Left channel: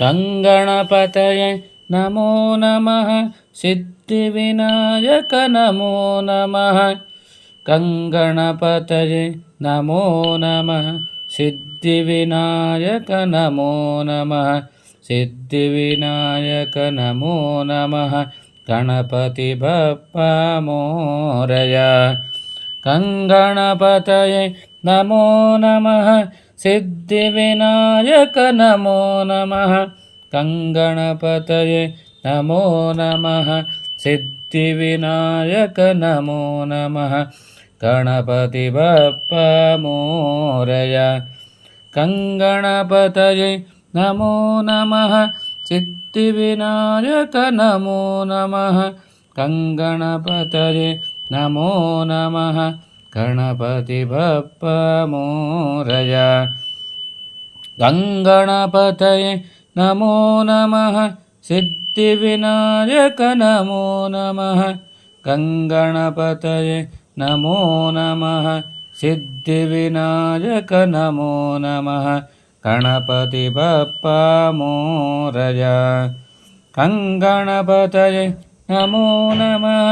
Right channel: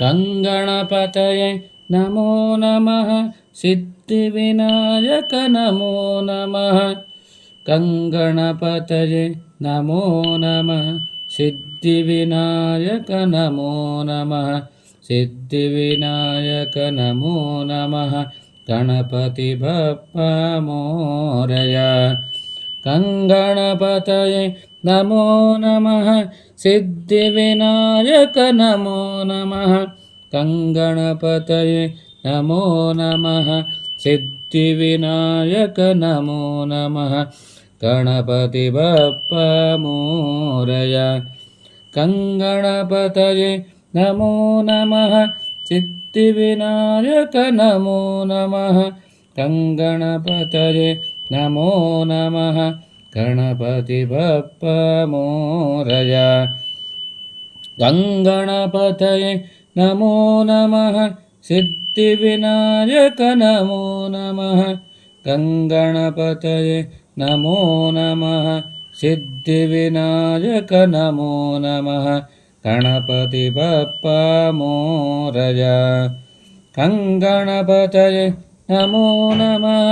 गङ्गणपतये नमो नमः सिद्धिविनायक नमो नमः गङ्गणपतये नमो नमः सिद्धिविनायक नमो नमः सिद्धिविनायक नमो नमः गणपति बप्पा मोरया गङ्गणपतये नमो नमः सिद्धिविनायक नमो नमः गङ्गणपतये नमो नमः सिद्धिविनायक नमो नमः गणपति बप्पा मोरया गङ्गणपतये नमो नमः सिद्धिविनायक नमो नमः गङ्गणपतये नमो नमः गणपति बप्पा मोरया गङ्गणपतये नमो नमः सिद्धिविनायक नमो नमः गङ्गणपतये नमो नमः सिद्धिविनायक नमो नमः गणपति बप्पा मोरया गङ्गणपतये नमो नमः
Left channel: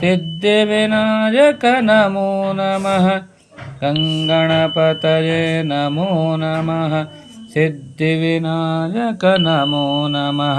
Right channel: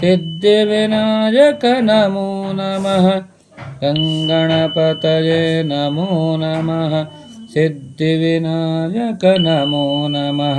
सिद्धिविनायक नमो नमः गङ्गणपतये नमो नमः सिद्धिविनायक नमो नमः।